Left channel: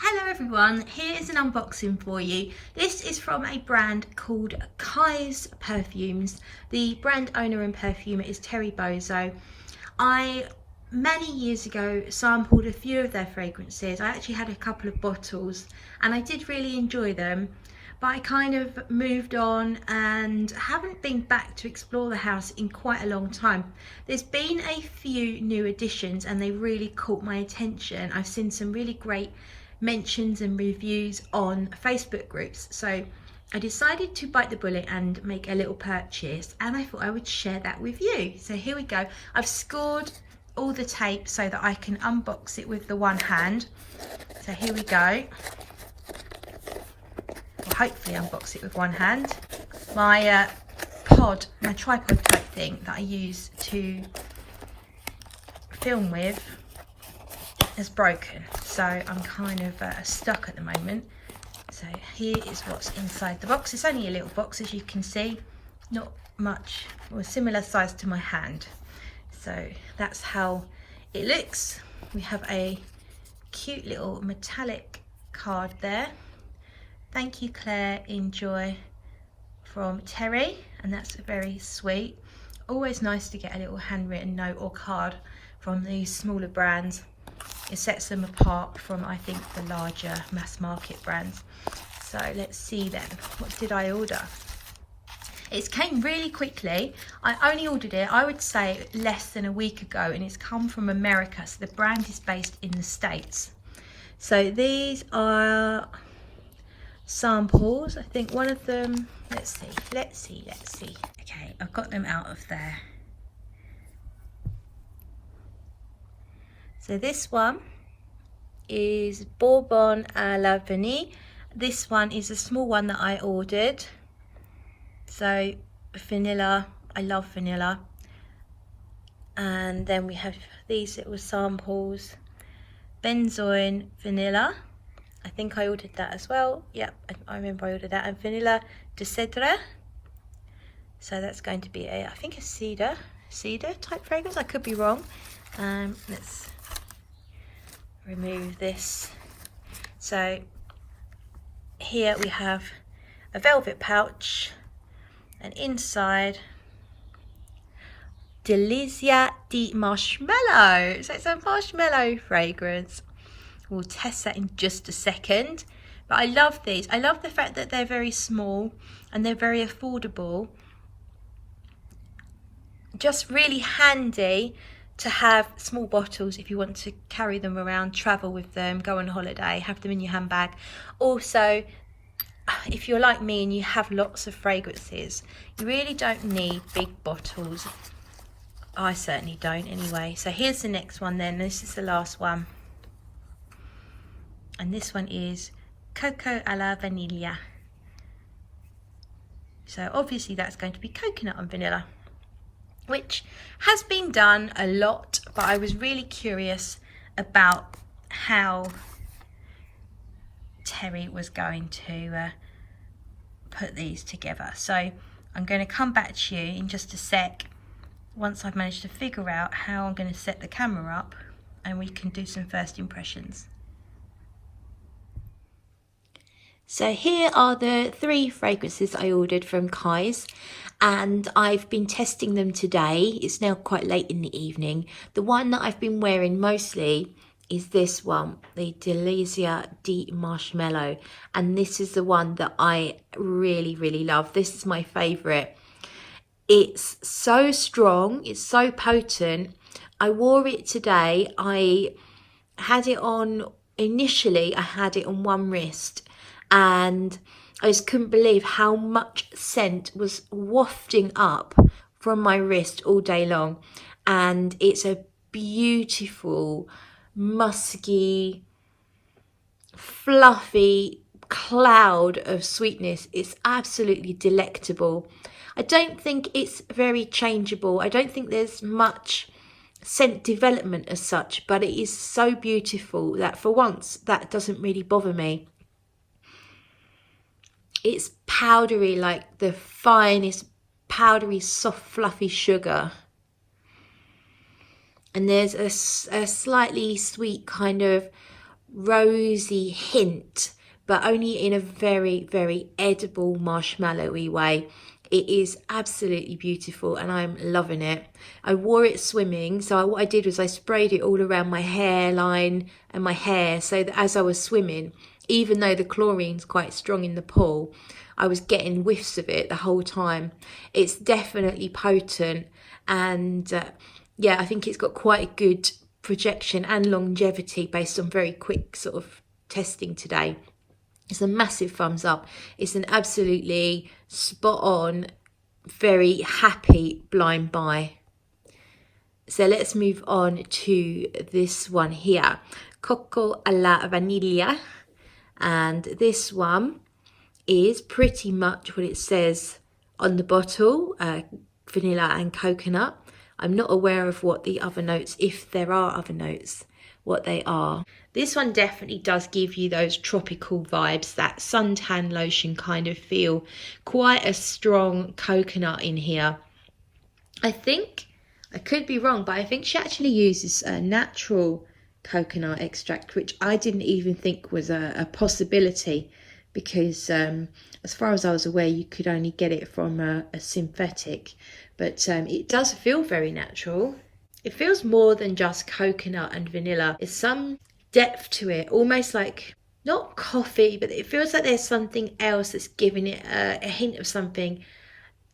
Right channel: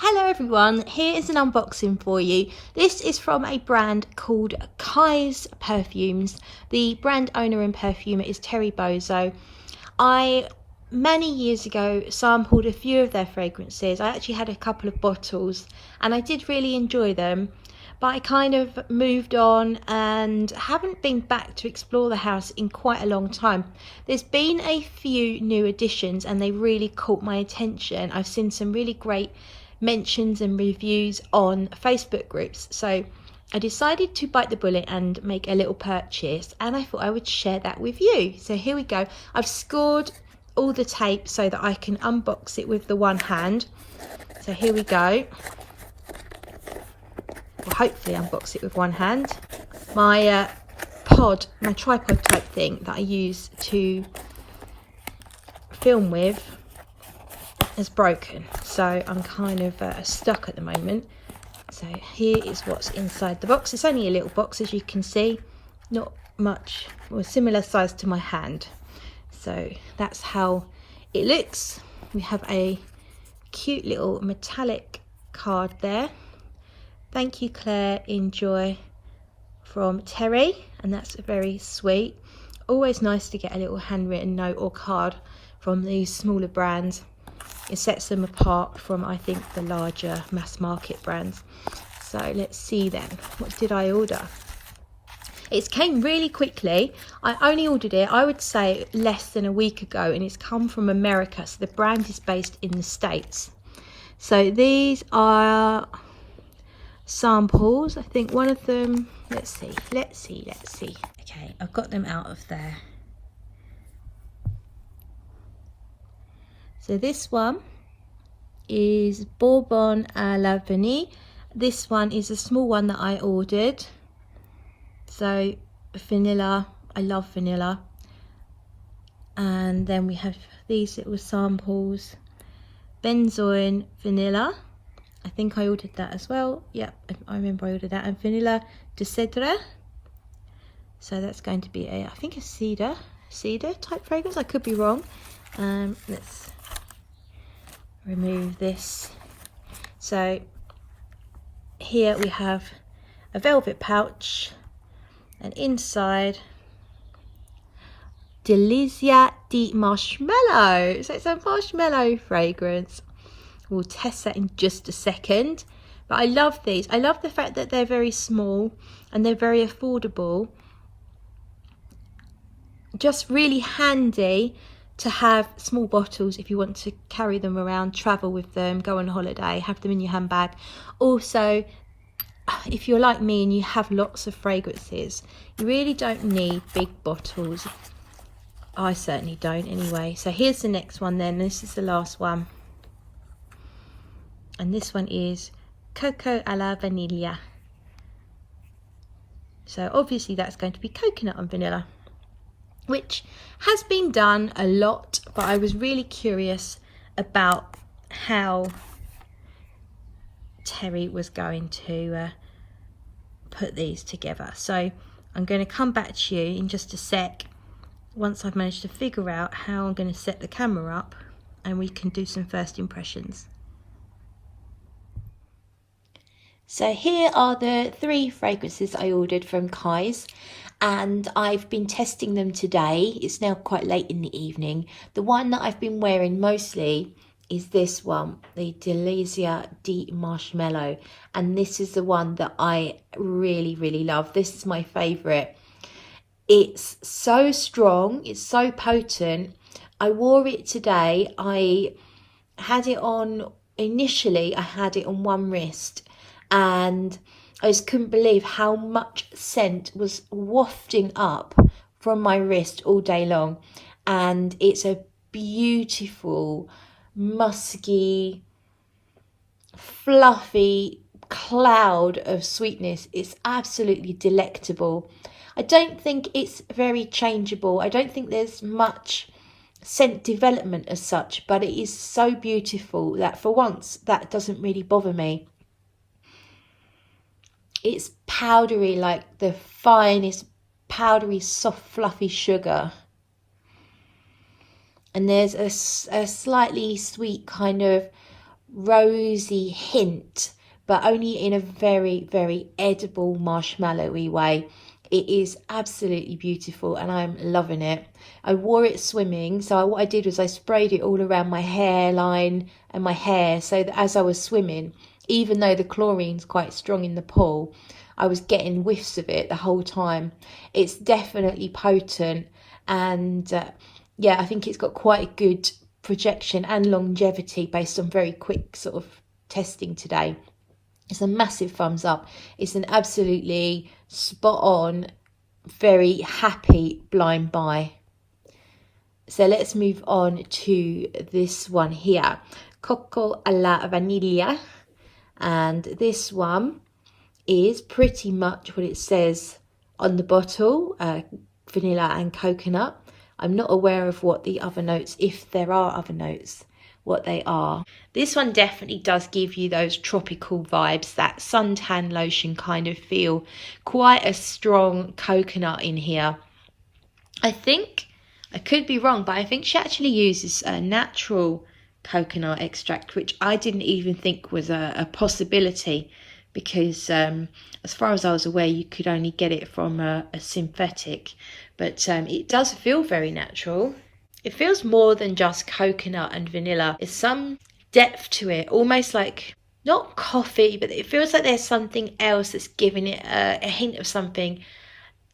Hello everyone, here is an unboxing for you. This is from a brand called Kai's Perfumes. The brand owner and perfumer is Terry Bozo. I, many years ago, sampled a few of their fragrances. I actually had a couple of bottles and I did really enjoy them, but I kind of moved on and haven't been back to explore the house in quite a long time. There's been a few new additions and they really caught my attention. I've seen some really great mentions and reviews on Facebook groups, so I decided to bite the bullet and make a little purchase, and I thought I would share that with you. So here we go. I've scored all the tape so that I can unbox it with the one hand. So here we go. Well, hopefully unbox it with one hand. My my tripod type thing that I use to film with is broken, so I'm kind of stuck at the moment. So here is what's inside the box. It's only a little box, as you can see, not much, or similar size to my hand. So that's how it looks. We have a cute little metallic card there. Thank you, Claire, enjoy, from Terry, and that's very sweet. Always nice to get a little handwritten note or card from these smaller brands. It sets them apart from, I think, the larger mass market brands. So let's see then, what did I order? It came really quickly. I only ordered it, I would say, less than a week ago, and it's come from America, so the brand is based in the States. So these are samples. I think one of them, let's see. Okay, I've got them out of there. So this one is Bonbons A La Bonnie. This one is a small one that I ordered. So vanilla, I love vanilla. And then we have these little samples. Benzoin vanilla. I think I ordered that as well. Yep, I remember I ordered that. And vanilla de cedre. So that's going to be I think a cedar type fragrance. I could be wrong. Let's remove this. So here we have a velvet pouch, and inside Delizia di marshmallow. So it's a marshmallow fragrance. We'll test that in just a second. But I love these. I love the fact that they're very small and they're very affordable. Just really handy to have small bottles if you want to carry them around, travel with them, go on holiday, have them in your handbag. Also, if you're like me and you have lots of fragrances, you really don't need big bottles. I certainly don't anyway. So here's the next one then. This is the last one. And this one is Coco a la Vanilla. So obviously that's going to be coconut and vanilla, which has been done a lot, but I was really curious about how Terry was going to put these together. So I'm going to come back to you in just a sec once I've managed to figure out how I'm going to set the camera up and we can do some first impressions. So here are the 3 fragrances I ordered from Kai's, and I've been testing them today. It's now quite late in the evening. The one that I've been wearing mostly is this one, the Delizia di Marshmallow, and this is the one that I really love. This is my favourite. It's so strong, it's so potent. I wore it today. I had it on, initially I had it on one wrist, and I just couldn't believe how much scent was wafting up from my wrist all day long. And it's a beautiful, musky, fluffy cloud of sweetness. It's absolutely delectable. I don't think it's very changeable. I don't think there's much scent development as such, but it is so beautiful that for once that doesn't really bother me. It's powdery, like the fine, it's powdery, soft, fluffy sugar. And there's a slightly sweet kind of rosy hint, but only in a very, very edible marshmallowy way. It is absolutely beautiful and I'm loving it. I wore it swimming, so what I did was I sprayed it all around my hairline and my hair, so that as I was swimming, even though the chlorine's quite strong in the pool, I was getting whiffs of it the whole time. It's definitely potent, and yeah, I think it's got quite a good projection and longevity based on very quick sort of testing today. It's a massive thumbs up. It's an absolutely spot on, very happy blind buy. So let's move on to this one here, Coco a la Vanilla. And this one is pretty much what it says on the bottle, vanilla and coconut. I'm not aware of what the other notes, if there are other notes, what they are. This one definitely does give you those tropical vibes, that suntan lotion kind of feel. Quite a strong coconut in here. I think, I could be wrong, but I think she actually uses a natural coconut extract, which I didn't even think was a possibility, because as far as I was aware, you could only get it from a synthetic. But it does feel very natural. It feels more than just coconut and vanilla. There's some depth to it, almost like, not coffee, but it feels like there's something else that's giving it a hint of something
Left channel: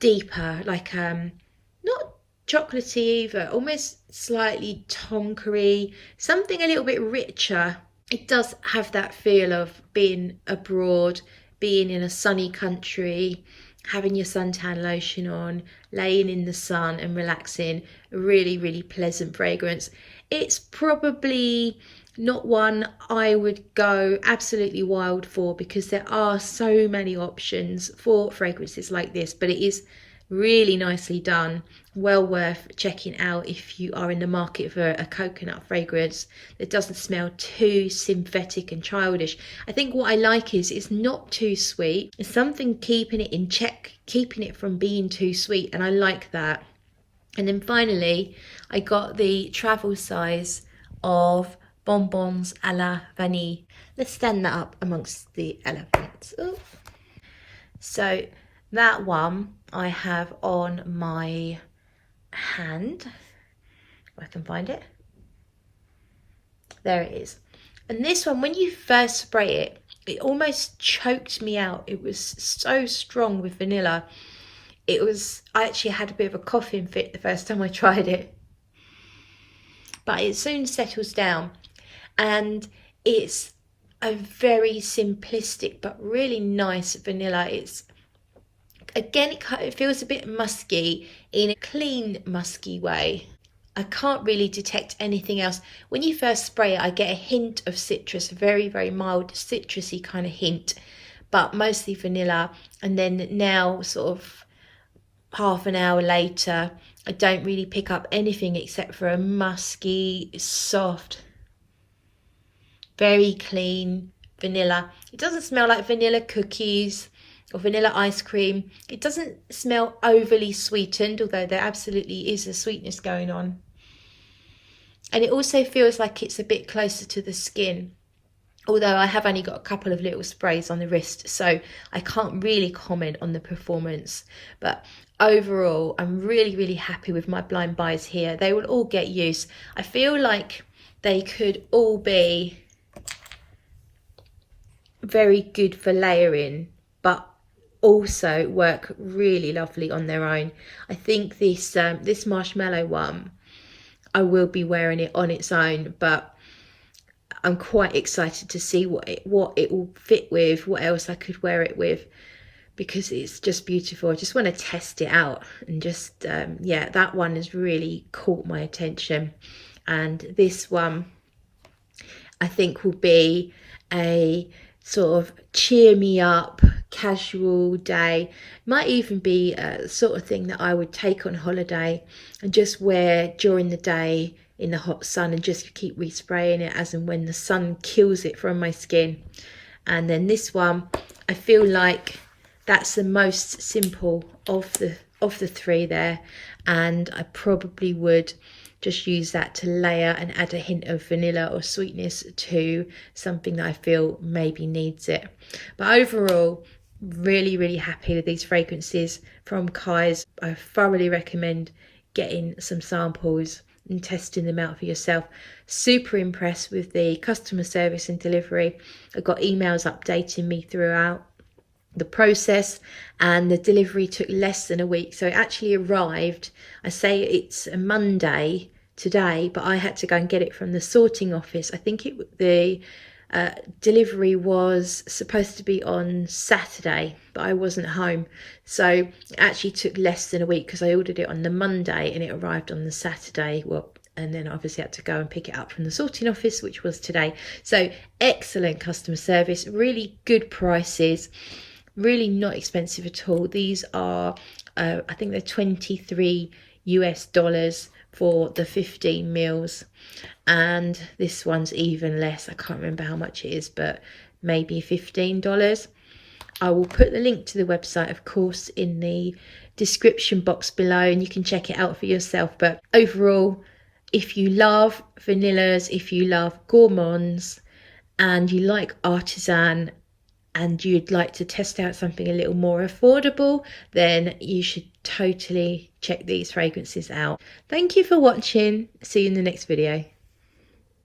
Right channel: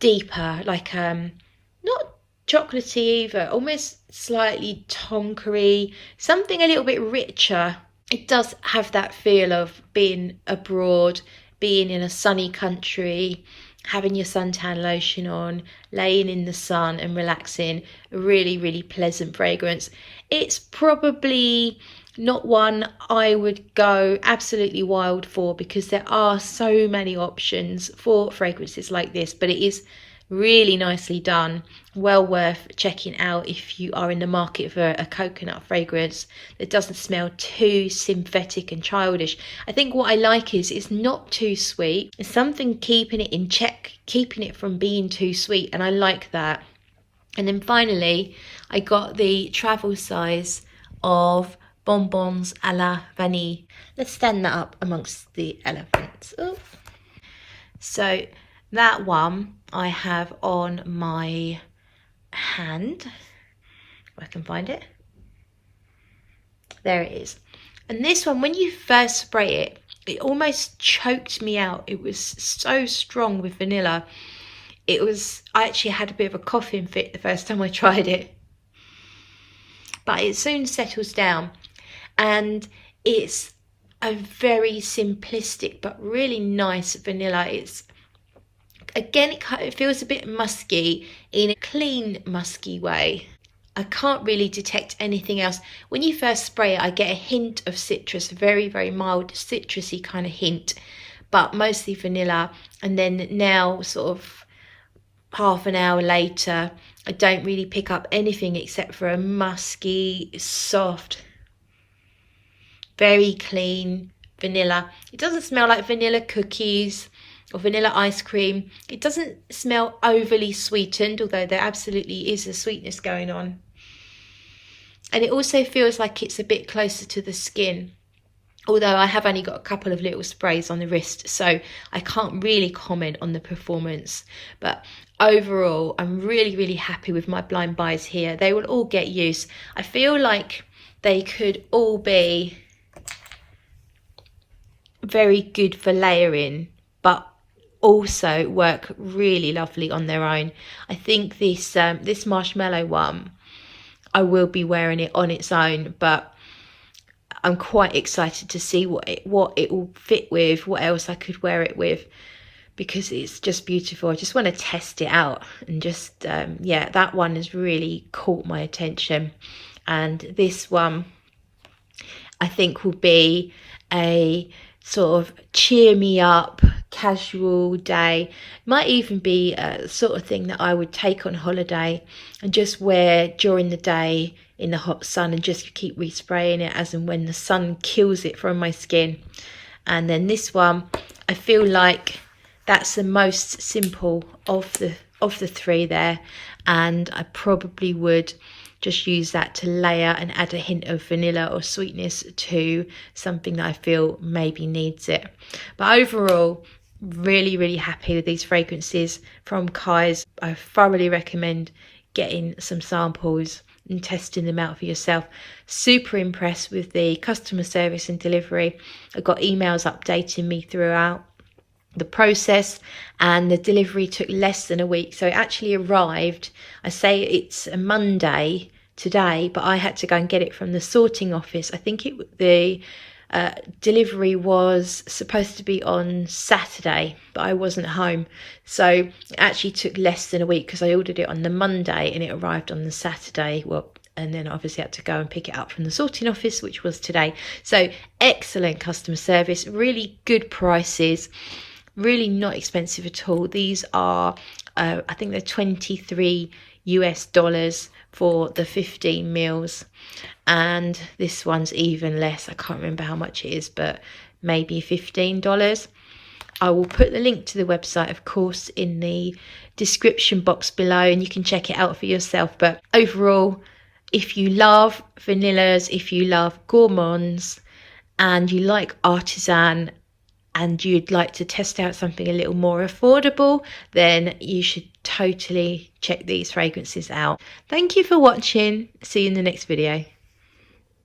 deeper, like not chocolatey either, almost slightly tonkery, something a little bit richer. It does have that feel of being abroad, being in a sunny country, having your suntan lotion on, laying in the sun and relaxing. A really, really pleasant fragrance. It's probably not one I would go absolutely wild for, because there are so many options for fragrances like this, but it is really nicely done, well worth checking out if you are in the market for a coconut fragrance that doesn't smell too synthetic and childish. I think what I like is it's not too sweet. It's something keeping it in check, keeping it from being too sweet, and I like that. And then finally, I got the travel size of Bonbons A La Bonnie. Let's stand that up amongst the elephants. Ooh. So that one I have on my hand, if I can find it. There it is. And this one, when you first spray it, it almost choked me out. It was so strong with vanilla. I actually had a bit of a coughing fit the first time I tried it. But it soon settles down, and it's a very simplistic but really nice vanilla. Again, it feels a bit musky in a clean, musky way. I can't really detect anything else. When you first spray it, I get a hint of citrus, a very, very mild citrusy kind of hint, but mostly vanilla. And then now, sort of half an hour later, I don't really pick up anything except for a musky, soft, very clean vanilla. It doesn't smell like vanilla cookies or vanilla ice cream. It doesn't smell overly sweetened, although there absolutely is a sweetness going on. And it also feels like it's a bit closer to the skin, although I have only got a couple of little sprays on the wrist, so I can't really comment on the performance. But overall, I'm really, really happy with my blind buys here. They will all get use. I feel like they could all be very good for layering, but also work really lovely on their own. I think this marshmallow one, I will be wearing it on its own, but I'm quite excited to see what it will fit with, what else I could wear it with, because it's just beautiful. I just want to test it out, and just yeah, that one has really caught my attention. And this one I think will be a sort of cheer me up casual day. Might even be a sort of thing that I would take on holiday and just wear during the day in the hot sun, and just keep respraying it as and when the sun kills it from my skin. And then this one, I feel like that's the most simple of the three there, and I probably would just use that to layer and add a hint of vanilla or sweetness to something that I feel maybe needs it. But overall, really happy with these fragrances from Kai's. I thoroughly recommend getting some samples and testing them out for yourself. Super impressed with the customer service and delivery. I got emails updating me throughout the process, and the delivery took less than a week. So it actually arrived, I say it's a Monday today, but I had to go and get it from the sorting office. I think the delivery was supposed to be on Saturday, but I wasn't home, so it actually took less than a week because I ordered it on the Monday and it arrived on the Saturday. Well, and then obviously had to go and pick it up from the sorting office, which was today. So excellent customer service, really good prices, really not expensive at all. These are I think they're $23 for the 15 mils, and this one's even less. I can't remember how much it is, but maybe $15. I will put the link to the website, of course, in the description box below, and you can check it out for yourself. But overall, if you love vanillas, if you love gourmands, and you like artisan, and you'd like to test out something a little more affordable, then you should totally check these fragrances out. Thank you for watching. See you in the next video.